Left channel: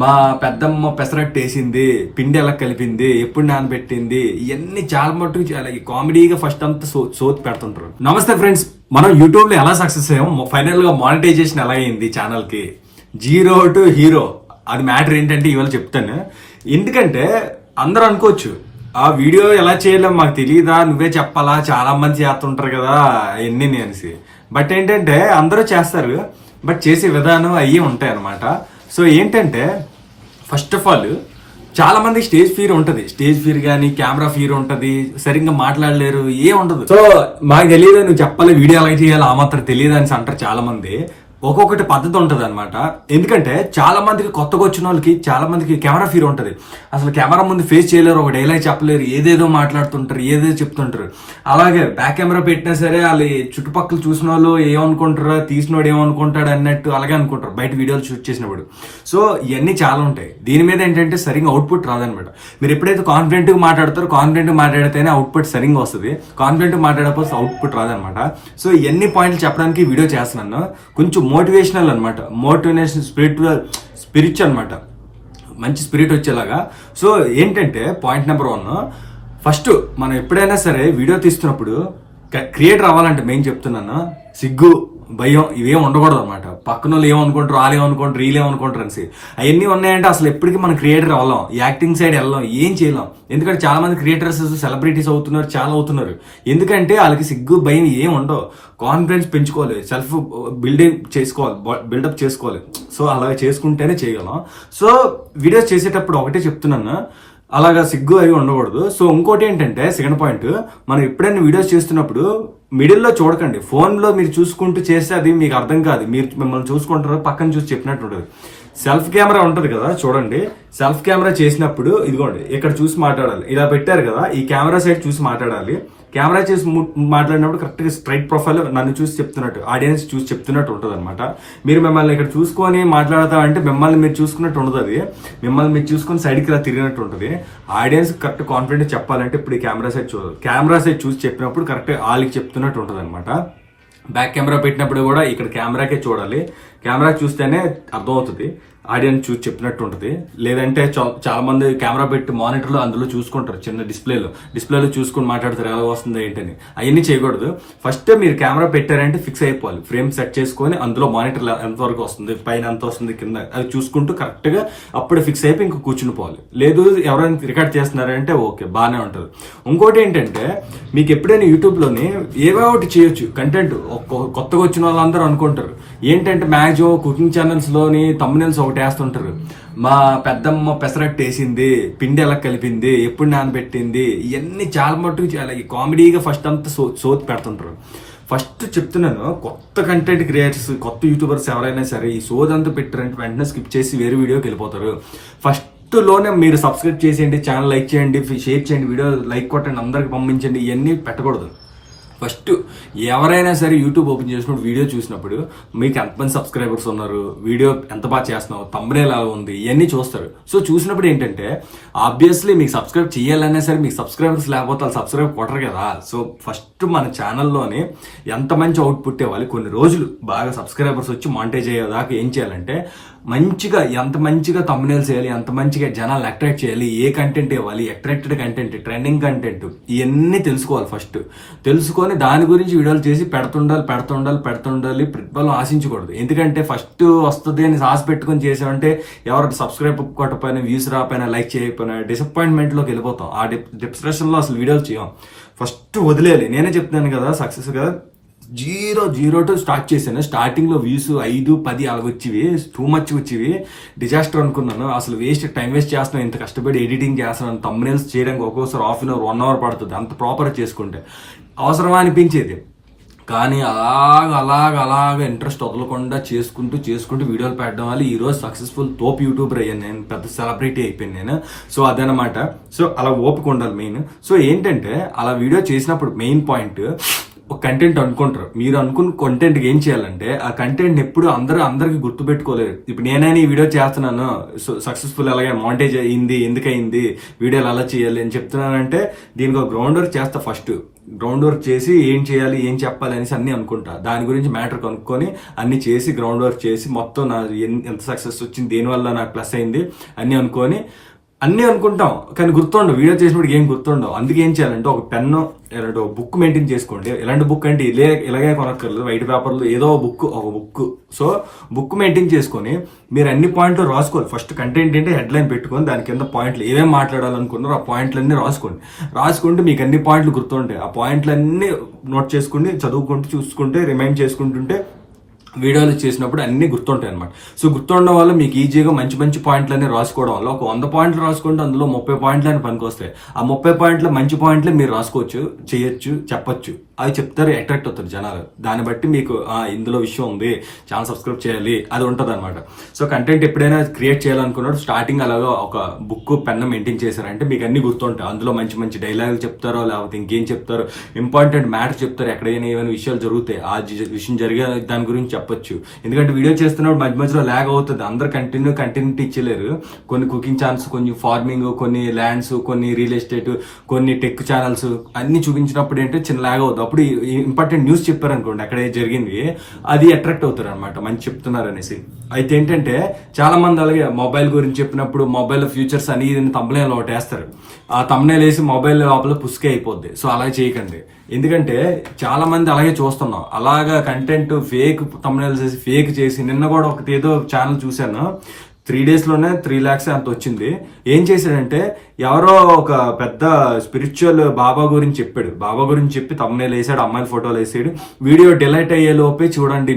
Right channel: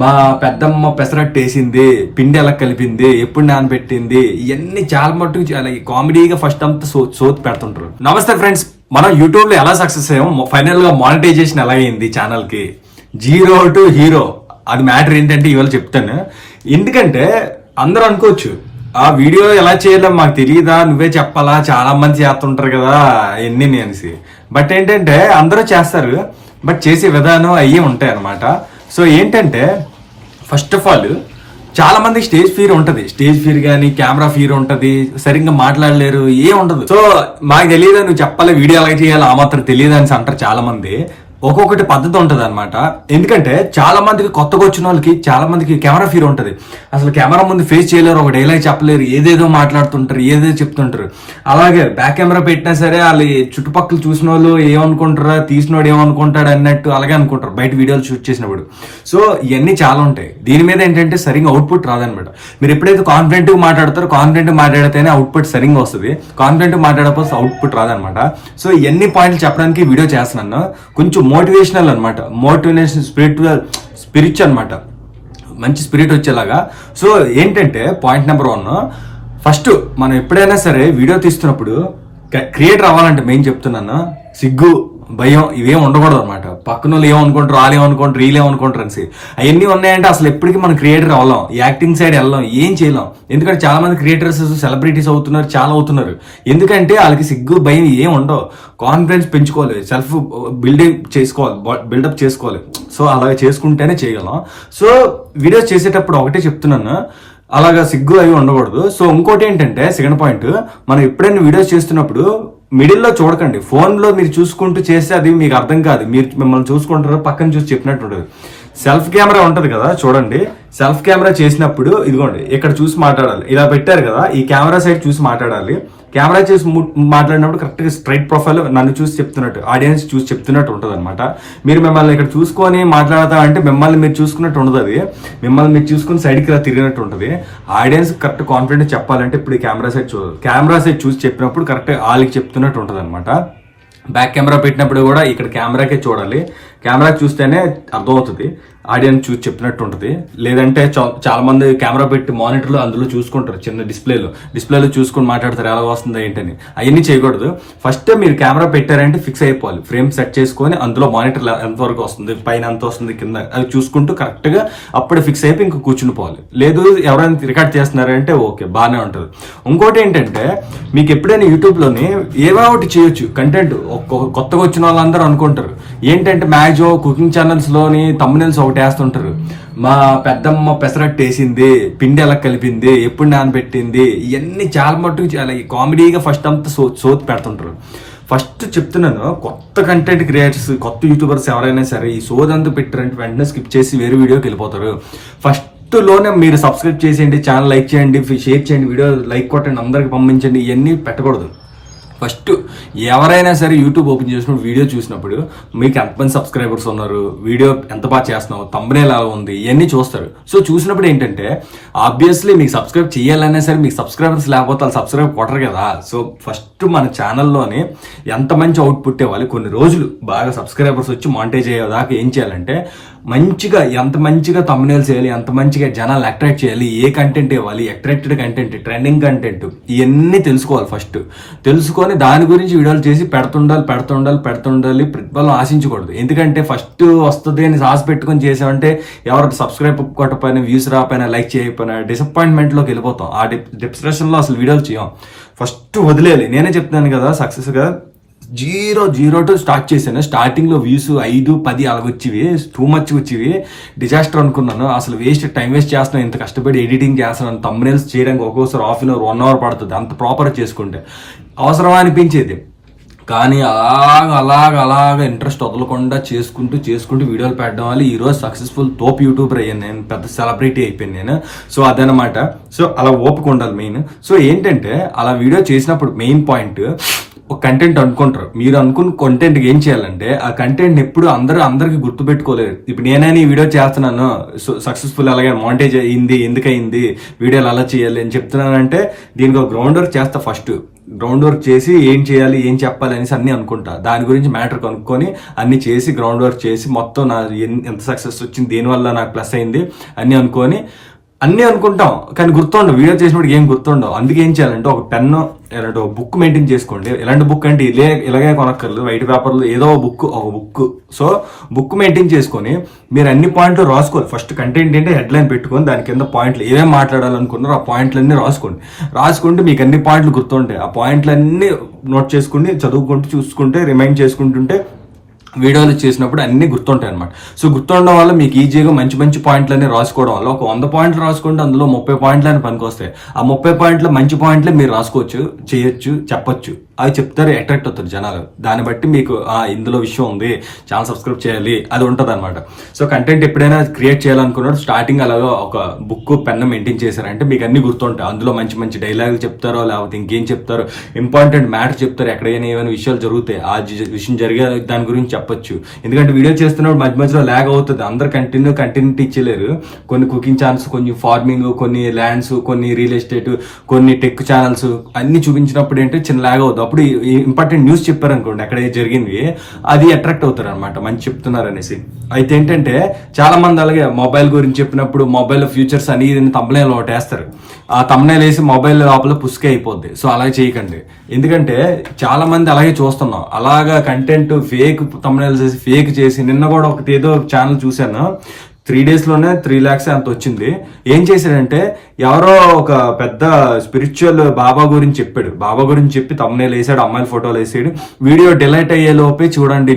మా పెద్దమ్మ పెసరట్టు వేసింది, పిండి ఎలా కలిపింది, ఎప్పుడు నానబెట్టింది, ఇవన్నీ చాలా మట్టుకు చాలా కామెడీగా ఫస్ట్ అంతా సోతి పెడుతుంటారు. నమస్తే ఫ్రెండ్స్, మనం యూట్యూబ్ లో ఎలా సక్సెస్ అయ్యాం, ఫైనల్ గా మానిటైజేషన్ ఎలా అయింది ఛానల్ కి, 0 to హీరో, అది మ్యాటర్ ఏంటంటే ఇవాళ చెప్తాను. ఎందుకంటే అందరూ అనుకోవచ్చు ఆ వీడియో ఎలా చేయాలో మాకు తెలియదా, నువ్వే చెప్పాలా, చాలా మంది చేస్తుంటారు కదా ఎన్ని అనేసి. బట్ ఏంటంటే అందరూ చేస్తారు, బట్ చేసే విధానం అయ్యే ఉంటాయి అనమాట. సో ఏంటంటే ఫస్ట్ ఆఫ్ ఆల్ చాలా మందికి స్టేజ్ ఫీర్ ఉంటది, స్టేజ్ ఫీర్ కానీ కెమెరా ఫీర్ ఉంటది, సరిగ్గా మాట్లాడలేరు, ఏం ఉండదు. సో మాకు తెలియదు నువ్వు చెప్పాలి, వీడియో ఎలా చేయాలి ఆ మాత్రం తెలియదు అని అంటారు చాలా మంది. ఒక్కొక్కటి పద్ధతి ఉంటది అనమాట. ఎందుకంటే చాలా మందికి కొత్తగా వచ్చిన వాళ్ళకి చాలా మందికి కెమెరా ఫీర్ ఉంటది, అసలు కెమెరా ముందు ఫేస్ చేయలేరు, ఒక డైలాగ్ చెప్పలేరు, ఏదేదో మాట్లాడుతుంటారు, ఏదేదో చెప్తుంటారు. అలాగే బ్యాక్ కెమెరా పెట్టినా సరే వాళ్ళు చుట్టుపక్కల చూసిన వాళ్ళు ఏమనుకుంటారా, తీసినోడు ఏమనుకుంటాడు అన్నట్టు అలాగే అనుకుంటారు బయట వీడియోలు షూట్ చేసినప్పుడు. సో ఇవన్నీ చాలా ఉంటాయి. దీని మీద ఏంటంటే సరిగ్గా అవుట్పుట్ రాదనమాట. మీరు ఎప్పుడైతే కాన్ఫిడెంట్ గా మాట్లాడతారో, కాన్ఫిడెంట్ మాట్లాడితేనే అవుట్పుట్ సరిగ్గా వస్తుంది, కాన్ఫిడెంట్ మాట్లాడకపోతే అవుట్పుట్ రాదనమాట. సో ఇవన్నీ పాయింట్లు చెప్పడానికి వీడియో చేస్తున్నాను. కొంచెం మోటివేషనల్ అనమాట, మోటివేషన్ స్పిరిట్ అనమాట, మంచి స్పిరిట్ వచ్చేలాగా. సో ఏంటంటే పాయింట్ నెంబర్ 1, ఫస్ట్ మనం ఎప్పుడైనా సరే వీడియో తీస్తున్నప్పుడు క్రియేటర్ అవ్వాలంటే మెయిన్ చెప్తున్నాను, సిగ్గు భయం ఇవేం ఉండకూడదు అనమాట. పక్కన వాళ్ళు ఏమనుకుంటారు, వాళ్ళు ఏమనుకుంటారు, వీళ్ళు ఏమనుకుంటారు అనేసి అవన్నీ ఉన్నాయంటే అసలు ఎప్పటికీ మనం క్రియేటర్ అవ్వలేం, యాక్టింగ్ సైడ్ వెళ్ళాం, ఏం చేయలేం. ఎందుకంటే చాలా మంది క్రియేటర్స్ సెలబ్రిటీస్ అవుతున్నారు, చాలా అవుతున్నారు. ఎందుకంటే వాళ్ళకి సిగ్గు భయం ఏం ఉండవు, కాన్ఫిడెన్స్ పెంచుకోవాలి, సెల్ఫ్ బిల్డప్ చేసుకోవాలి. సో అలాగే చేసుకుంటేనే చేయగలం. సో వీడియోస్ చేసేటప్పుడు ఒకటే చెప్తున్నాను, అలాగా సిగ్గు అవి ఉండకూడదు. సో ఇంకోటి ఏంటంటే సెకండ్ పాయింట్, మనం ఎప్పుడైనా వీడియోస్ చేస్తున్నప్పుడు మిడిల్లో చూడకండి. ఫోన్లో మీరు చూసుకుంటూ చేస్తే అది మీకు అర్థం కాదు, మీరు మిమ్మల్ని చూసుకుంటారు, పక్కన చూసి చెప్పినట్టు ఉంటుంది. సెల్ఫ్ కెమెరా ఉంటుంది కదా, చూడండి. సెల్ఫ్ కెమెరా చేసినప్పుడు ఇదిగోండి ఇక్కడ చూసి మాట్లాడాలి, ఇలా పెట్టారు కదా, ఈ కెమెరా సైడ్ చూసి మాట్లాడాలి. కెమెరా చేసి మాట్లాడినప్పుడు కరెక్ట్గా స్ట్రైట్ ప్రొఫైల్ నన్ను చూసి చెప్తున్నట్టు, ఆడియన్స్ చూసి చెప్తున్నట్టు ఉంటుంది అనమాట. మీరు మిమ్మల్ని ఇక్కడ చూసుకొని మాట్లాడతా అంటే మిమ్మల్ని మీరు చూసుకున్నట్టు ఉండదు, అది మిమ్మల్ని మీరు చూసుకుని సైడ్కి ఇలా తిరిగినట్టు ఉంటుంది. ఆడియన్స్ కరెక్ట్ కాన్ఫిడెంట్ చెప్పాలంటే ఇప్పుడు ఈ కెమెరా సైడ్ చూడాలి, కెమెరా సైడ్ చూసి చెప్పినప్పుడు కరెక్ట్గా వాళ్ళకి చెప్తున్నట్టు ఉంటుంది అనమాట. బ్యాక్ కెమెరా పెట్టినప్పుడు కూడా ఇక్కడ కెమెరాకే చూడాలి, కెమెరా చూస్తేనే అర్థమవుతుంది, ఆడియన్స్ చూసి చెప్పినట్టు ఉంటుంది. లేదంటే చాలా మంది కెమెరా పెట్టి మానిటర్లో అందులో చూసుకుంటారు, చిన్న డిస్ప్లేలో చూసుకొని మాట్లాడతారు ఎలా వస్తుందా ఏంటని. అవన్నీ చేయకూడదు. ఫస్ట్ మీరు కెమెరా పెట్టారంటే ఫిక్స్ అయిపోవాలి, ఫ్రేమ్ సెట్ చేసుకొని అందులో మానిటర్ ఎంతవరకు వస్తుంది, పైన ఎంత వస్తుంది, కింద అది చూసుకుంటూ కరెక్ట్గా అప్పుడు ఫిక్స్ అయిపోయి ఇంకా కూర్చుని పోవాలి. లేదు ఎవరైనా రికార్డ్ చేస్తున్నారంటే ఓకే బాగానే ఉంటుంది. ఇంకోటి ఏంటంటే మీకు ఎప్పుడైనా యూట్యూబ్లోని ఏవో ఒకటి చేయొచ్చు కంటెంట్. కొత్తగా వచ్చిన వాళ్ళందరూ అనుకుంటారు ఏంటంటే మ్యాక్సిమం కుకింగ్ ఛానల్స్లోని థంబ్నెయిల్స్ ఒకటి వేస్తుంటారు, మా పెద్దమ్మ పెసరట్టు వేసింది, పిండి ఎలా కలిపింది, ఎప్పుడు నానబెట్టింది, ఇవన్నీ చాలా మట్టుకు చాలా కామెడీగా ఫస్ట్ అంతా సోతి పెడుతుంటారు. ఫస్ట్ చెప్తున్నాను, కొత్త కంటెంట్ క్రియేటర్స్, కొత్త యూట్యూబర్స్ ఎవరైనా సరే ఈ సోదంతా పెట్టారంటే వెంటనే స్కిప్ చేసి వేరే వీడియోకి వెళ్ళిపోతారు. ఫస్ట్ లోనే మీరు సబ్స్క్రైబ్ చేసేయండి, ఛానల్ లైక్ చేయండి, షేర్ చేయండి, వీడియో లైక్ కొట్టండి, అందరికి పంపించండి, ఇవన్నీ పెట్టకూడదు. ఫస్ట్ ఎవరైనా సరే యూట్యూబ్ ఓపెన్ చేసినప్పుడు వీడియో చూసినప్పుడు మీకు ఎంతమంది సబ్స్క్రైబర్స్ ఉన్నారు, వీడియో ఎంత బాగా చేస్తున్నావు, థంబ్నెయిల్ ఎలా ఉంది, ఇవన్నీ చూస్తారు. సో చూసినప్పుడు ఏంటంటే ఆబ్వియస్లీ మీకు సబ్స్క్రైబ్ చేయాలన్నా సరే మీకు సబ్స్క్రైబర్స్ లేకపోతే వాళ్ళు సబ్స్క్రైబ్ కొట్టరు కదా. సో ఫస్ట్ మన ఛానల్లోనే ఎంత మంచి అవుట్పుట్ ఇవ్వాలి, కొన్ని రోజులు బాగా సబ్స్క్రైబర్స్ వచ్చి మానిటైజ్ అయ్యేదాకా ఏం చేయాలంటే మంచిగా ఎంత మంచిగా థంబ్నెయిల్స్ చేయాలి, ఎంత మంచిగా జనాలు అట్రాక్ట్ చేయాలి, ఏ కంటెంట్ ఇవ్వాలి, అట్రాక్టెడ్ కంటెంట్, ట్రెండింగ్ కంటెంట్, ఇవన్నీ తెలుసుకోవాలి. ఫస్ట్ తెలుసుకొని దాని గురించి వీడియోలు చేసి పెడుతుండాలి. ప్రతిఫలం ఆశించకూడదు. ఎందుకంటే ఫస్ట్ వస్తుంది అని ఆశ పెట్టుకుని చేసామంటే ఎవరు సబ్స్క్రైబ్ కొట్టకపోయినా, వ్యూస్ రాకపోయినా, లైక్ చేయకపోయినా డిసప్పాయింట్మెంట్లోకి వెళ్ళిపోతాం. ఆ డిప్రెషన్లో అసలు వీడియోలు చేయం. ఫస్ట్ వదిలేయాలి. నేనే చెప్తున్నాను కదా, సక్సెస్గా 0 to స్టార్ట్ చేశాను. స్టార్టింగ్లో వ్యూస్ 5, 10 అలాగ వచ్చేవి, టూ మచ్ వచ్చేవి, డిజాస్టర్ అనుకున్నాను. అసలు టైం వేస్ట్ చేస్తున్నాను, ఇంత కష్టపడి ఎడిటింగ్ చేస్తున్నాను, థంబ్నెయిల్స్ చేయడానికి ఒక్కోసారి హాఫ్ అన్ అవర్ 1 hour పడుతుంది, అంత ప్రాపర్ చేసుకుంటే అవసరమా అనిపించేది. కానీ అలాగ ఇంట్రెస్ట్ వదలకుండా చేసుకుంటూ వీడియోలు పెట్టడం వల్ల ఈరోజు సక్సెస్ఫుల్ తోపు యూట్యూబర్ అయ్యాను నేను, పెద్ద సెలబ్రిటీ అయిపోయాను నేను. సో అదనమాట. సో అలా ఓపిక ఉండాలి మెయిన్. సో ఏంటంటే అలా వీడియో చేసినప్పుడు మెయిన్ పాయింట్ ఒక కంటెంట్ అనుకుంటారు. మీరు అనుకున్న కంటెంట్ ఏం చేయాలంటే ఆ కంటెంట్ ఎప్పుడు అందరికి గుర్తు పెట్టుకోలేదు. ఇప్పుడు నేనైనా ఈ వీడియో చేస్తున్నాను, సక్సెస్ఫుల్ అలాగే మానిటైజ్ అయింది, ఎందుకయింది, వీడియోలు అలా చేయాలి అని చెప్తున్నానంటే దీనికి ఒక గ్రౌండ్ వర్క్ చేస్తా. ఫస్ట్ గ్రౌండ్ వర్క్ చేసి ఏం చేయాలి, ఏం చెప్పాలి అనేసి అన్ని అనుకుంటా. దాని గురించి మ్యాటర్ కనుక్కొని అన్ని చేసి గ్రౌండ్ వర్క్ చేసి మొత్తం నా ఎంత సక్సెస్ వచ్చింది, దేనివల్ల నాకు ప్లస్ అయింది అన్ని అనుకొని అన్నీ అనుకుంటాం, కానీ గుర్తుండవు. వీడియో చేసినప్పుడు ఏం గుర్తుండవు. అందుకే ఏం చేయాలంటే ఒక పెన్ను ఇలాంటి ఒక బుక్ మెయింటైన్ చేసుకోండి. ఎలాంటి బుక్ అంటే ఇలాగే కొనక్కర్లేదు, వైట్ పేపర్లో ఏదో ఒక బుక్. సో బుక్ మెయింటైన్ చేసుకొని మీరు అన్ని పాయింట్లు రాసుకోవాలి. ఫస్ట్ కంటెంట్ ఏంటంటే హెడ్లైన్ పెట్టుకొని దాని కింద పాయింట్లు ఏమేమి మాట్లాడాలనుకున్నారో ఆ పాయింట్లన్నీ రాసుకుంటే మీకు అన్ని పాయింట్లు గుర్తుంటాయి. ఆ పాయింట్లన్నీ నోట్ చేసుకుని చదువుకుంటూ చూసుకుంటే రిమైండ్ చేసుకుంటుంటే వీడియోలు చేసినప్పుడు అన్ని గుర్తుంటాయి అనమాట. సో గుర్తుండడం వల్ల మీకు ఈజీగా మంచి పాయింట్లన్నీ రాసుకోవడం వల్ల ఒక 100 పాయింట్లు రాసుకుంటే అందులో 30 పాయింట్లని పనికొస్తాయి. ఆ 30 పాయింట్లు మంచి పాయింట్లే మీరు రాసుకోవచ్చు, చేయొచ్చు, చెప్పొచ్చు. అవి చెప్తారు, అట్రాక్ట్ అవుతారు జనాలు. దాన్ని బట్టి మీకు ఇందులో విషయం ఉంది, ఛానల్ సబ్స్క్రైబ్ చేయాలి, అది ఉంటుంది అనమాట. సో కంటెంట్ ఎప్పుడైనా క్రియేట్ చేయాలనుకున్నప్పుడు స్టార్టింగ్ అలాగా ఒక బుక్ పెన్ మెయింటైన్ చేశారంటే మీకు అన్ని గుర్తుంటాయి. అందులో మంచి డైలాగులు చెప్తారో లేకపోతే ఇంకేం చెప్తారో, ఇంపార్టెంట్ మ్యాటర్ చెప్తారు, ఎక్కడైనా ఏమైనా విషయాలు జరుగుతాయి ఆ విషయం జరిగే దాని గురించి చెప్పొచ్చు. ఎందుకంటే వీడియో చేస్తున్నప్పుడు మధ్యలో ల్యాగ్ అవుతుంది. అందరు కంటిన్యూటీ ఇచ్చలేరు. కొన్ని కుకింగ్ ఛానల్స్, కొన్ని ఫార్మింగ్, కొన్ని ల్యాండ్స్, కొన్ని రియల్ ఎస్టేట్, కొన్ని టెక్ ఛానల్స్ అన్ని చూపించినప్పుడు ఏంటంటే చిన్న ల్యాగ్ అవుతుంది. అప్పుడు ఇంపార్టెంట్ న్యూస్ చెప్పారనుకోండి అక్కడ జరిగింది, అది అట్రాక్ట్ అవుతారు అనమాట, మంచి చెప్తున్నారు అనేసి. అయితే ఏంటంటే చాలా మంది అలాగే మొబైల్ గురించి చెప్పినప్పుడు మొబైల్ ఫ్యూచర్స్ అని తమ్మునేలు ఒకటి వేస్తారు. ఆ తమ్మునేలు వేసి మొబైల్ లోపల పుసుకే అయిపోద్ది. సో అలాగే చేయకండి. ఎందుకంటే చాలా మంది అలాగే చూస్తున్నాం, అలాగా కంటెంట్ ఫేక్ తమ్మునేలు చేసి ఫేక్ చేసి. నిన్న కూడా ఒకటి ఏదో ఛానల్ చూశాను, 3 days లోనే 3 lakhs అంత వచ్చింది. ఏం చేశాడంటే ఎవరో ఒక పెద్ద స్పిరిచువల్ బాబా గురించి చెప్పాడు. బాబా గురించి చెప్పి తమ్మునేలు వేసాడు, అమ్మాయిల ఫోటోలు వేసాడు. వీడియో డిలీట్ అయ్యే లోపే చూడండి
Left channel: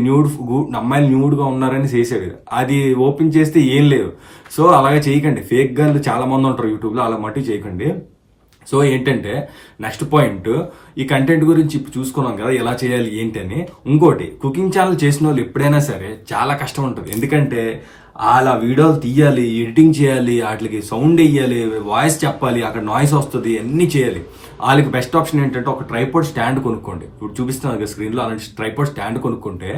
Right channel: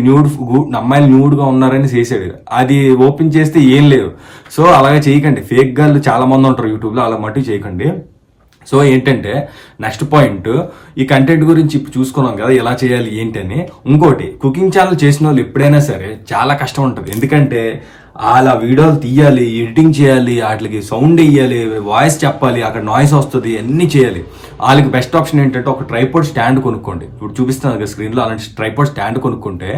అమ్మాయిలు న్యూడ్గా ఉన్నారని చేసాడు. అది ఓపెన్ చేస్తే ఏం లేదు. సో అలాగే చేయకండి. ఫేక్ గాళ్ళు చాలా మంది ఉంటారు యూట్యూబ్లో, అలా మట్టు చేయకండి. సో ఏంటంటే నెక్స్ట్ పాయింట్, ఈ కంటెంట్ గురించి ఇప్పుడు చూసుకున్నాం కదా ఎలా చేయాలి ఏంటి అని. ఇంకోటి, కుకింగ్ ఛానల్ చేసిన వాళ్ళు ఎప్పుడైనా సరే చాలా కష్టం ఉంటుంది. ఎందుకంటే అలా వీడియోలు తీయాలి, ఎడిటింగ్ చేయాలి, వాటికి సౌండ్ వేయాలి, వాయిస్ చెప్పాలి, అక్కడ నాయిస్ వస్తుంది, అన్నీ చేయాలి. వాళ్ళకి బెస్ట్ ఆప్షన్ ఏంటంటే ఒక ట్రైపాడ్ స్టాండ్ కొనుక్కోండి. ఇప్పుడు చూపిస్తాను కదా స్క్రీన్లో, అలాంటి ట్రైపాడ్ స్టాండ్ కొనుక్కుంటే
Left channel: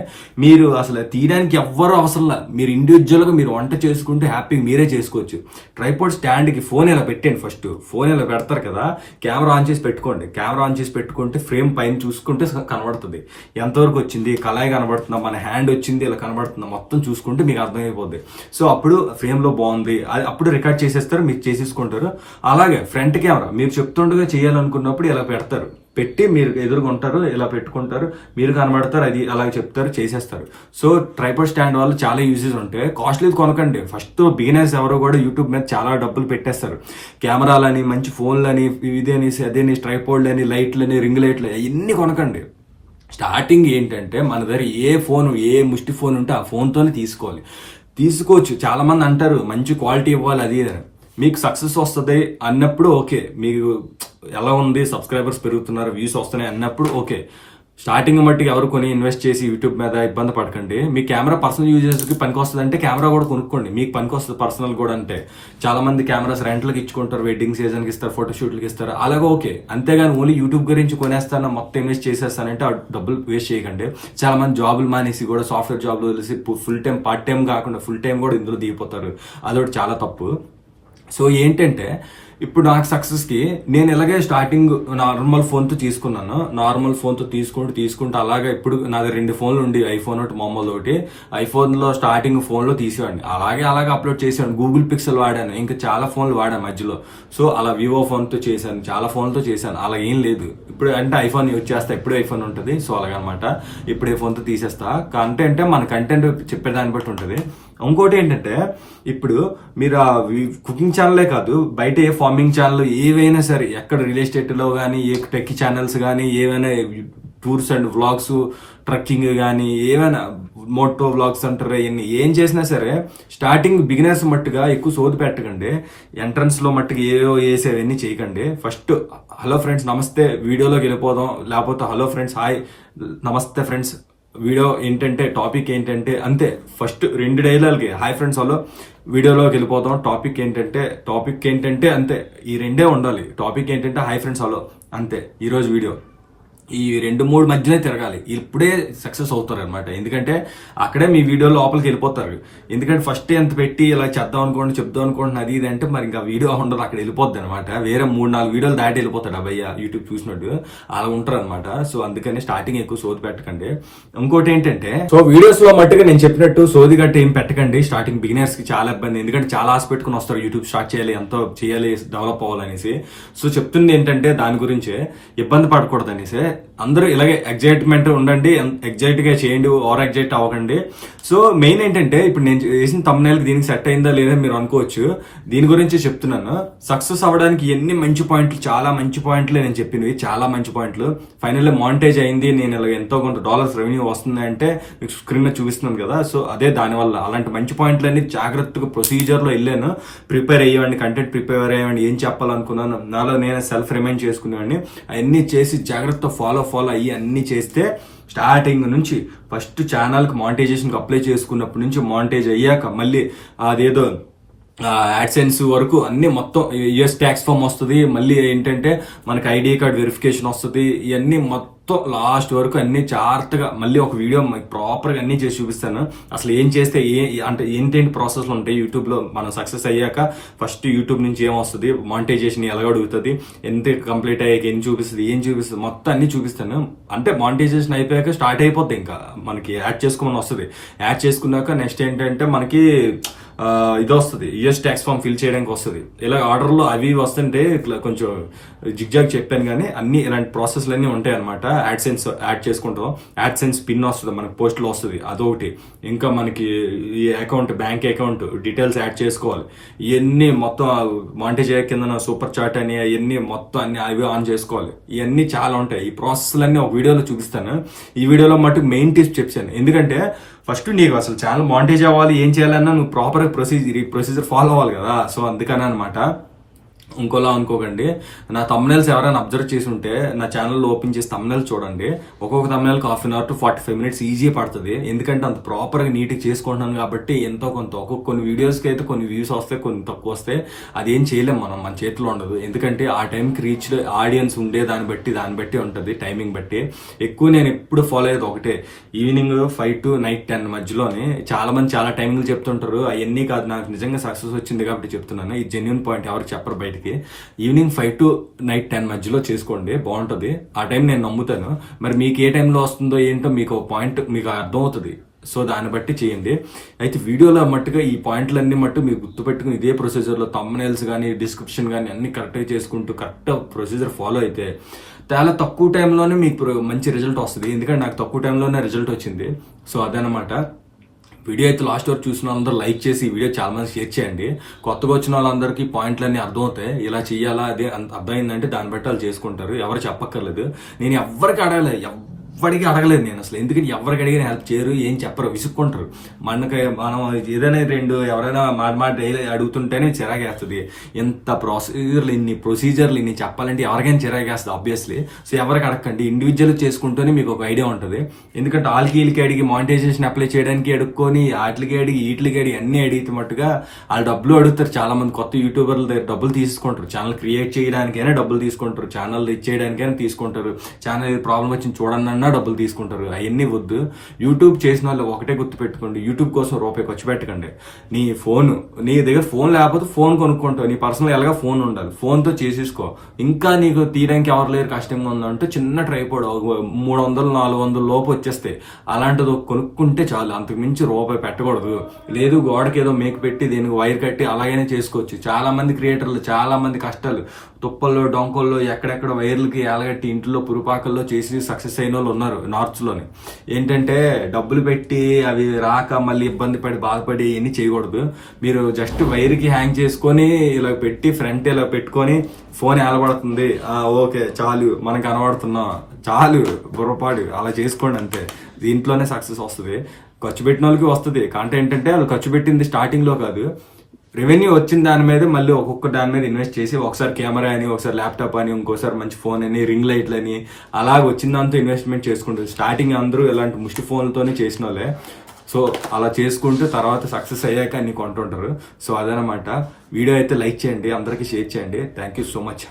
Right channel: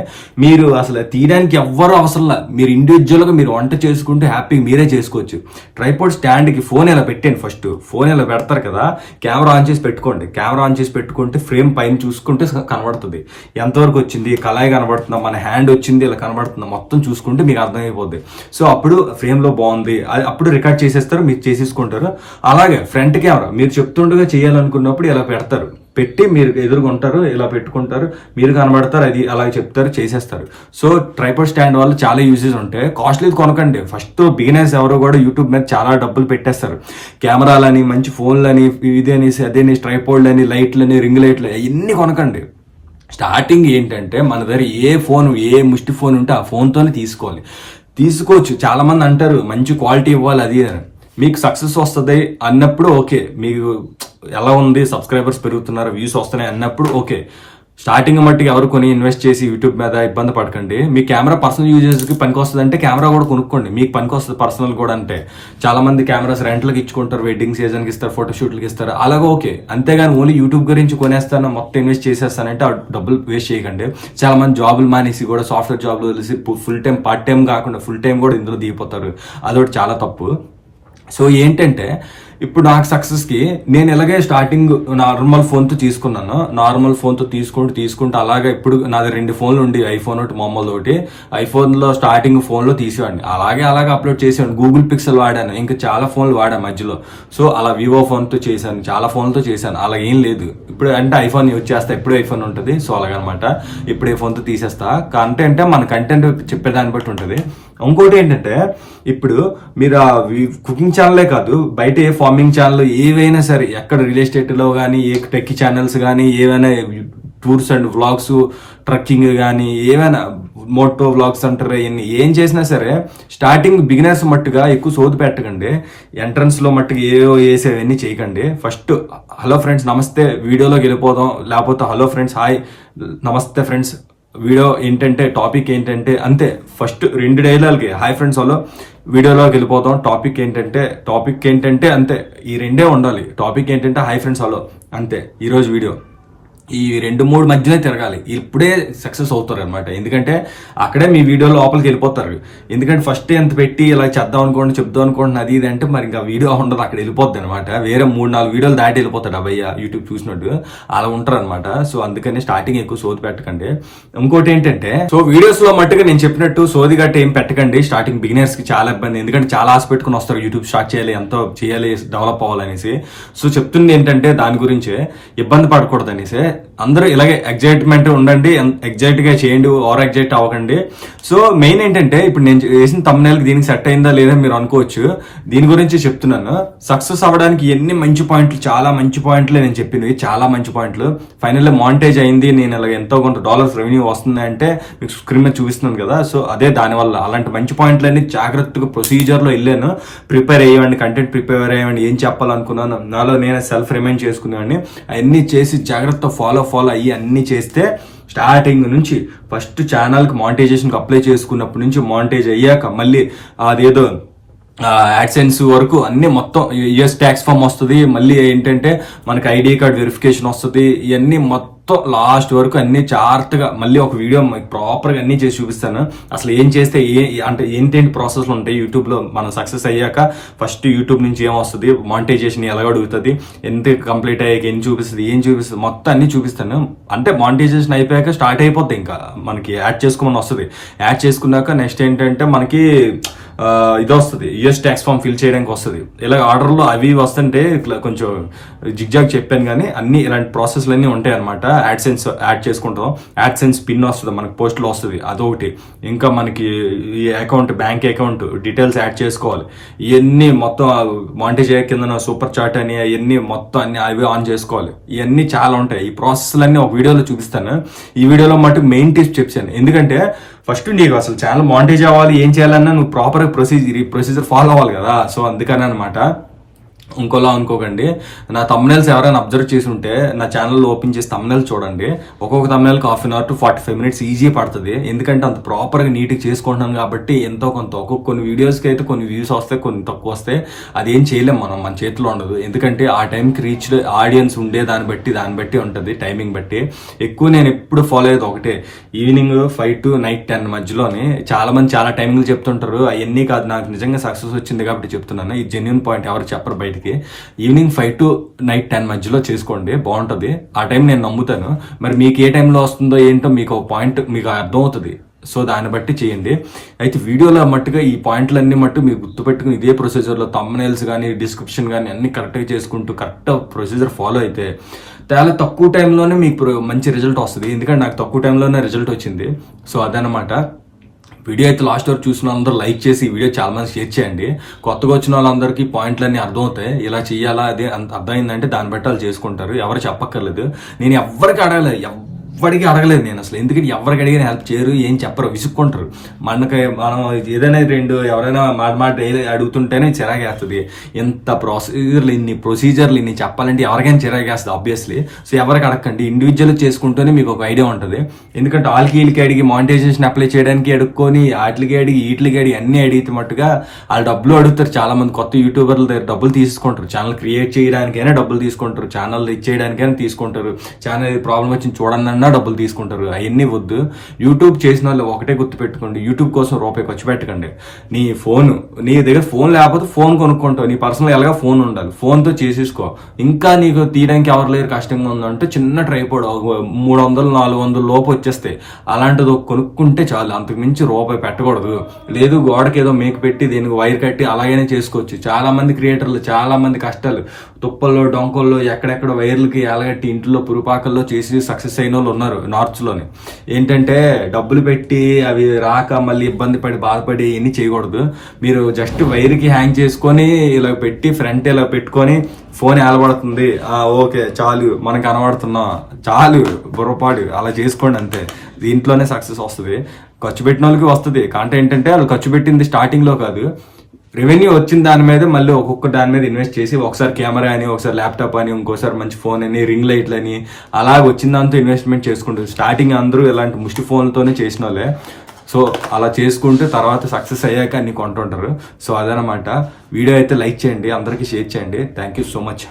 మీరు అసలు తీయడానికి ఎవ్వరూ అవసరంలా, మీరు ఇండివిజువల్గా మీరు వంట చేసుకుంటే హ్యాపీగా మీరే చేసుకోవచ్చు. ట్రైపాడ్ స్టాండ్కి ఫోన్ ఇలా పెట్టండి. ఫస్ట్ ఫోన్ ఇలా పెడతారు కదా, కెమెరా ఆన్ చేసి పెట్టుకోండి. కెమెరా ఆన్ చేసి పెట్టుకుంటే ఫ్రేమ్ పైన చూసుకుంటే కనబడుతుంది ఎంతవరకు వచ్చింది, కళాయి కనబడుతుందా, మన హ్యాండ్ వచ్చింది ఇలా కనబడుతుందా, మొత్తం చూసుకుంటే మీకు అర్థమైపోద్ది. సో అప్పుడు ఫ్రేమ్లో బాగుంది, అప్పుడు రికార్డ్ చేసేస్తారు, మీరు చేసేసుకుంటారు. అలాగే ఫ్రంట్ కెమెరా మీరు చెప్తుండగా చేయాలనుకున్నప్పుడు ఇలా పెడతారు, పెట్టి మీరు ఎదురుకుంటారు, ఇలా పెట్టుకుంటారు, మీరు కనబడతారు, అది అలాగే చెప్తారు, చేసేస్తారు. సో ట్రైపాడ్ స్టాండ్ వల్ల చాలా యూజెస్ ఉంటాయి. కాస్ట్లీ కొనకండి. ఫస్ట్ బిగినర్స్ ఎవరో కూడా యూట్యూబ్ మీద చాలా డబ్బులు పెట్టేస్తారు. కెమెరాలని, మంచి ఫోన్లని, ఇదేని అదేని, ట్రైపాడ్లని, లైట్లని, రింగ్ లైట్లు ఇవన్నీ కొనకండి. స్టార్టింగ్ ఏంటంటే మన దగ్గర ఏ ముష్టి ఫోన్ ఉంటే ఆ ఫోన్తోనే తీసుకోవచ్చు. చాలా మంది అంటారు మంచి క్వాలిటీ ఇవ్వాలి అది అని. మీకు సక్సెస్ వస్తుంది అన్నప్పుడు ఓకే, మీకు ఎలా ఉంది, సబ్స్క్రైబర్స్ పెరుగుతున్నారు, వ్యూస్ వస్తున్నాయి అన్నప్పుడు ఓకే. స్టార్టింగ్ మట్టికి ఎవరు కొని ఇన్వెస్ట్ చేసి యూట్యూబ్ మీద ఇబ్బంది పడకండి. మీ కెమెరా పర్సనల్ యూజెస్కి పనికి వస్తుంది అంటే కెమెరా కూడా కొనుక్కోండి, మీకు పనికి వస్తుంది పర్సనల్ కూడా. అంటే చాలా మంది కెమెరాస్ రెంట్లకు ఇచ్చుకుంటారు, వెడ్డింగ్ సీజన్కి ఇస్తారు, ఫోటోషూట్లకి ఇస్తారు, అలాగే ఓకే. అంతేగాని ఓన్లీ యూట్యూబ్ గురించి కొనేస్తాను మొత్తం ఇన్వెస్ట్ చేసేస్తానంటే ఆ డబ్బులు వేస్ట్ చేయకండి. చాలా మంది జాబులు మానేసి కూడా సాఫ్ట్వేర్ జాబ్లు తెలిసి ఫుల్ టైం, పార్ట్ టైం కాకుండా ఫుల్ టైం కూడా ఇందులో దిగిపోతారు. అదొకటి చాలా తప్పు. సో ఏంటంటే ఇప్పుడు నాకు సక్సెస్కి నేను ఇలాగే స్టార్టింగ్ నార్మల్ ఫోన్తో తీసుకున్నాను. నార్మల్ ఫోన్తో తీసుకుంటూ అలాగే ఇప్పుడు నాది 2 ఫోన్లు ఉండి, ఐఫోన్ ఒకటి, మామూలు ఒకటి. ఐఫోన్లో స్టార్టింగ్ ఫోన్లో తీసేవాడిని, అలాగే అప్లోడ్ చేసేవాడిని. గూగుల్ పిక్సెల్ వాడాను, ఇంకా చాలా ఫోన్లు వాడాను మధ్యలో. సో అలా వివో ఫోన్తో చేశాను, చాలా ఫోన్లతో చేశాను. అలా ఏం లేదు. ఇప్పుడు అంటే ఐఫోన్ యూజ్ చేస్తా, ఎప్పుడు ఐఫోన్ ఉంటుంది. సో అలాగనమాట ఇప్పుడు ఏ ఫోన్తో తీసేస్తా. అంటే మన కంటెంట్ చెప్పేదాన్ని బట్టి ఉంటుంది. ఇంకోటి ఏంటంటే ఇప్పుడు మీరు ఆ కుకింగ్ ఛానలే కాదు, బయట ఏ ఫార్మింగ్ ఛానల్ ఏవైనా సరే, ఎక్కడ రియల్ ఎస్టేట్లో కానీ, ఏ టెక్ ఛానల్స్ కానీ, ఏవైనా టూర్స్ అండ్ వ్లాగ్స్, ట్రక్కింగ్ కానీ, ఏమైనా మోటో వ్లాగ్స్ అంటారు, ఇవన్నీ ఏం చేసినా సరే స్టార్టింగ్ బిగినర్స్ మట్టుగా ఎక్కువ సోది పెట్టకండి. ఎంట్రన్స్లో మట్టుగా ఏవో వేసేవన్నీ చేయకండి. ఫస్ట్ హలో ఫ్రెండ్స్ నమస్తే వీడియోలోకి వెళ్ళిపోదాం, లేకపోతే హలో ఫ్రెండ్స్ హాయ్ నమస్తే ఫ్రెండ్స్ వీడియో ఏంటంటే టాపిక్ ఏంటంటే అంతే. ఫస్ట్ 2 డైలాగులకి హాయ్ ఫ్రెండ్స్ హలో వీడియోలోకి వెళ్ళిపోతాం, టాపిక్ ఏంటంటే అంతే. ఈ 2 ఉండాలి. టాపిక్ ఏంటంటే హాయ్ ఫ్రెండ్స్ హలో అంతే ఈరోజు వీడియో. ఈ 2-3 మధ్యనే తిరగాలి, ఇప్పుడే సక్సెస్ అవుతారు అనమాట. ఎందుకంటే అక్కడే మీ వీడియో లోపలికి వెళ్ళిపోతారు. ఎందుకంటే ఫస్ట్ ఎంత పెట్టి ఇలా చేద్దాం అనుకోండి, చెప్దాం అనుకోండి, అది ఇది అంటే మరి ఇంకా వీడియో ఉండదు, అక్కడ వెళ్ళిపోద్ది అనమాట. వేరే 3-4 వీడియోలు దాటి వెళ్ళిపోతాడు అబ్బాయి యూట్యూబ్ చూసినట్టు, అలా ఉంటారు అనమాట. సో అందుకని స్టార్టింగ్ ఎక్కువ సోది పెట్టకండి. ఇంకోటి ఏంటంటే, సో వీడియోస్ లో మట్టుగా నేను చెప్పినట్టు సోది గట్టి ఏం పెట్టకండి. స్టార్టింగ్ బిగినర్స్ కి చాలా ఇబ్బంది, ఎందుకంటే చాలా ఆశ పెట్టుకుని వస్తారు యూట్యూబ్ స్టార్ట్ చేయాలి, ఎంతో చేయాలి, డెవలప్ అవ్వాలనేసి. సో చెప్తుంది ఏంటంటే దాని గురించి ఇబ్బంది పడకూడదు అనేసి. అందరూ ఇలాగే ఎగ్జైట్మెంట్ ఉండండి, ఎగ్జైట్ గా చేయండి, ఓవర్ ఎగ్జైట్ అవ్వకండి. సో మెయిన్ ఏంటంటే ఇప్పుడు నేను వేసిన తమ్నైల్ దీనికి సెట్ అయిందా లేదా మీరు అనుకోవచ్చు, దీని గురించి చెప్తున్నాను. సక్సెస్ అవ్వడానికి ఎన్ని మంచి పాయింట్లు, చాలా మంచి పాయింట్లే నేను చెప్పినవి, చాలా మంచి పాయింట్లు. ఫైనల్లీ మానిటైజ్ అయింది, నేను ఇలా ఎంతో కొంత డాలర్స్ రెవెన్యూ వస్తుంది అంటే మీకు స్క్రీన్ మీద చూపిస్తున్నాను కదా. సో అదే దానివల్ల అలాంటి మంచి పాయింట్లన్నీ జాగ్రత్తగా ప్రొసీజర్ లో వెళ్ళాను. ప్రిపేర్ అయ్యేవాడిని, కంటెంట్ ప్రిపేర్ అయ్యేవాడిని, ఏం చెప్పాలనుకున్నాను నాలో నేను సెల్ఫ్ రిమైండ్ చేసుకునేవాడిని. అవన్నీ చేసి జాగ్రత్త ఫాలో అయ్యి అన్ని చేస్తే స్టార్టింగ్ నుంచి ఫస్ట్ ఛానల్కి మానిటైజేషన్కి అప్లై చేసుకున్నప్పటి నుంచి మానిటైజ్ అయ్యాక మళ్ళీ అదేదో యాడ్సెన్స్ వరకు అన్ని మొత్తం యూఎస్ ట్యాక్స్ ఫామ్ వస్తుంది. మళ్ళీ ఏంటంటే మనకి ఐడి కార్డ్ వెరిఫికేషన్ వస్తుంది. ఇవన్నీ మొత్తం లాస్ట్ వరకు అన్ని జాగ్రత్తగా మళ్ళీ ఒక వీడియో ప్రాపర్గా అన్ని చేసి చూపిస్తాను. అసలు ఏం చేస్తే అంటే ఏంటేంటి ప్రాసెస్లు ఉంటాయి యూట్యూబ్లో. మనం సక్సెస్ అయ్యాక ఫస్ట్ యూట్యూబ్ నుంచి ఏం వస్తుంది, మానిటైజేషన్ ఎలా అడుగుతుంది, ఎంత కంప్లీట్ అయ్యాక ఏం చూపిస్తుంది మొత్తం అన్ని చూపిస్తాను. అంటే మానిటైజేషన్ అయిపోయాక స్టార్ట్ అయిపోద్ది, ఇంకా మనకి యాడ్ చేసుకోమని వస్తుంది. యాడ్ చేసుకున్నాక నెక్స్ట్ ఏంటంటే మనకి ఇది వస్తుంది, యూఎస్ ట్యాక్స్ ఫామ్ ఫిల్ చేయడానికి వస్తుంది. ఇలా ఆర్డర్లో అవి వస్తుంటే ఇట్లా కొంచెం జిగ్జాగ్ చెప్పాను, కానీ అన్ని ఇలాంటి ప్రాసెస్లు అన్నీ ఉంటాయి అనమాట. యాడ్సెన్స్ యాడ్ చేసుకుంటాం, యాడ్సెన్స్ పిన్ వస్తుంది మనకి, పోస్ట్లో వస్తుంది, అదొకటి. ఇంకా మనకి ఈ account, bank account details add చేసుకోవాలి. ఇవన్నీ మొత్తం మానిటైజ్ అయ్యే కింద సూపర్ చాట్ అని అవన్నీ మొత్తం అన్ని అవి ఆన్ చేసుకోవాలి. ఇవన్నీ చాలా ఉంటాయి. ఈ ప్రాసెస్లన్నీ ఒక వీడియోలో చూపిస్తాను. ఈ వీడియోలో మటుకు మెయిన్ టిప్స్ చెప్పాను. ఎందుకంటే ఫస్ట్ నీకు అసలు ఛానల్ మానిటైజ్ అవ్వాలి, ఏం చేయాలన్నా నువ్వు ప్రాపర్ ప్రొసీజర్ ఫాలో అవ్వాలి కదా. సో అందుకని అనమాట. ఇంకోలా అనుకోకండి. నా తమ్నైల్స్ ఎవరైనా అబ్జర్వ్ చేసి ఉంటే నా ఛానల్ ఓపెన్ చేసి తమ్నైల్ చూడండి. ఒక్కొక్క తమ్నైల్కి 1/2 అవర్ to 45 minutes ఈజీ పడుతుంది. ఎందుకంటే అంత ప్రాపర్గా నీట్గా చేసుకుంటున్నాను కాబట్టి. ఎంతో కొంత కొన్ని వీడియోస్కి అయితే కొన్ని వ్యూస్ వస్తాయి, కొన్ని తక్కువ వస్తాయి. అదేం చేయలేం మనం, మన చేతిలో ఉండదు. ఎందుకంటే ఆ టైంకి రీచ్ ఆడియన్స్ ఉండే దాన్ని బట్టి ఉంటుంది, టైమింగ్ బట్టి. ఎక్కువ నేను ఎప్పుడు ఫాలో అయ్యేది ఒకటే, ఈవినింగ్ 5 to night 10 మధ్యలోనే. చాలా మంది చాలా టైమింగ్లు చెప్తుంటారు, అవన్నీ కాదు. నాకు నిజంగా సక్సెస్ వచ్చింది కాబట్టి చెప్తున్నాను. ఈ జెన్యూన్ పాయింట్ ఎవరు చెప్పరు బయట. ఈవినింగ్ 5 to night 10 మధ్యలో చేసుకోండి, బాగుంటుంది. ఆ టైం నేను నమ్ముతాను. మరి మీకు ఏ టైంలో వస్తుందో ఏంటో మీకు పాయింట్ మీకు అర్థం అవుతుంది. సో దాన్ని బట్టి చేయండి. అయితే వీడియోలో మట్టుగా ఈ పాయింట్లన్నీ మట్టు మీరు గుర్తుపెట్టుకుని ఇదే ప్రొసీజర్లో తమ్నైల్స్ కానీ డిస్క్రిప్షన్ కానీ అన్ని కరెక్ట్గా చేసుకుంటూ కరెక్ట్ ప్రొసీజర్ ఫాలో అయితే చాలా తక్కువ టైంలోనే మీకు మంచి రిజల్ట్ వస్తుంది. ఎందుకంటే నాకు తక్కువ టైంలోనే రిజల్ట్ వచ్చింది. సో అదనమాట. వీడియో అయితే లాస్ట్ వరకు చూసిన వాళ్ళందరూ లైక్ చేసి ఈ వీడియో చాలా మంది షేర్ చేయండి. కొత్తగా వచ్చిన వాళ్ళందరికీ పాయింట్లన్నీ అర్థమవుతాయి. ఇలా చేయాలా అదే అర్థమైందంటే దాన్ని బట్టి వాళ్ళు చేసుకుంటారు. ఎవరు చెప్పక్కర్లేదు. నేను ఎవరికి ఎవ్వడికి అడగలేదు నేను అసలు. ఎందుకంటే ఎవరికి అడిగిన హెల్ప్ చేయరు, ఏం చెప్పరు, విసుక్కుంటారు. మనం ఏదైనా ఎవరైనా మాట అడుగుతుంటేనే చిరాగేస్తుంది. ఇంత ప్రొసీజర్లు ఇన్ని చెప్పాలంటే ఎవరికైనా చిరాగేస్తుంది ఆబ్వియస్లీ. సో ఎవరికి అడగండి, ఇండివిజువల్ చేసుకుంటూనే మీకు ఒక ఐడియా ఉంటుంది. ఎందుకంటే వీళ్ళకి అడిగి మానిటైజేషన్ అప్లై చేయడానికి అడుక్కొని వీటికి అడిగి అన్ని అడిగితే మట్టుగా వాళ్ళు డబ్బులు అడుగుతారు. చాలా మంది కొత్త యూట్యూబర్ల దగ్గర డబ్బులు తీసుకుంటారు. ఛానల్ క్రియేట్ చేయడానికైనా డబ్బులు తీసుకుంటారు, ఛానల్ ఇచ్చేయడానికైనా తీసుకుంటారు, ఛానల్ ప్రాబ్లం వచ్చింది చూడన్నా డబ్బులు తీసుకుంటారు. అవన్నీ వద్దు. యూట్యూబ్ చేసిన వాళ్ళు ఒకటే గుర్తు పెట్టుకోండి, యూట్యూబ్ కోసం రూపాయి ఖర్చు పెట్టకండి. నీ దగ్గర ఫోన్ లేకపోతే ఫోన్ కొనుక్కుంటావు. నీ పర్సనల్ ఎలాగా ఫోన్ ఉండాలి, ఫోన్తో చేసేసుకో. ఇంకా నీకు తీయడానికి ఎవరు లేరు, కష్టంగా ఉందంటే చిన్న ట్రైపోడ్ 300-400 లోపు వచ్చేస్తాయి. అలాంటిది కొనుక్కుంటే చాలు, అంతకు మించి రూపాయి పెట్టకూడదు. లేదు గోడకి ఏదో మేకు పెట్టి దీనికి వైర్ కట్టి అలాగైనా చేసుకోవచ్చు. చాలా మంది క్రియేటర్లు చాలా మంది కష్టాలు తుప్పల్లో డొంకల్లో ఎక్కడెక్కడ వైర్లకి ఎలగట్టి ఇంట్లో పురుపాకల్లో చేసి సక్సెస్ అయిన వాళ్ళు ఉన్నారు నార్త్స్లోని. ఏంటంటే డబ్బులు పెట్టి అవి రాక మళ్ళీ ఇబ్బంది పడి బాధపడి ఇవన్నీ చేయకూడదు. మీరు జస్ట్ వైర్కి హ్యాంగ్ చేసుకొని ఇలా పెట్టి ఫ్రంట్ ఇలా పెట్టుకొని ఫోన్ ఏలబడుతుంది, ఓకే చాలు మనకు కనబడుతున్నాం, చాలు బుర్రపాడు అలా చేసుకోండి అంతే. దీంట్లోనే సక్సెస్ వస్తుంది. ఖర్చు పెట్టిన వాళ్ళకి వస్తుంది. కాంటే ఏంటంటే వాళ్ళు ఖర్చు పెట్టింది స్టార్టింగ్లో కాదు, రెవెన్యూ వచ్చిన దాని మీద మళ్ళీ ఒక్కొక్క దాని మీద ఇన్వెస్ట్ చేసి ఒకసారి కెమెరా అని, ఒకసారి ల్యాప్టాప్ అని, ఇంకోసారి మంచి ఫోన్ అని, రింగ్ లైట్లు అని అలా వచ్చిన దాంతో ఇన్వెస్ట్మెంట్ చేసుకుంటారు. స్టార్టింగ్ అందరూ ఇలాంటి ముష్టి ఫోన్లతోనే చేసిన వాళ్ళే. సో అలా చేసుకుంటే తర్వాత సక్సెస్ అయ్యాక అన్ని కొంటుంటారు. సో అదనమాట. వీడియో అయితే లైక్ చేయండి, అందరికీ షేర్ చేయండి. Thank you so much.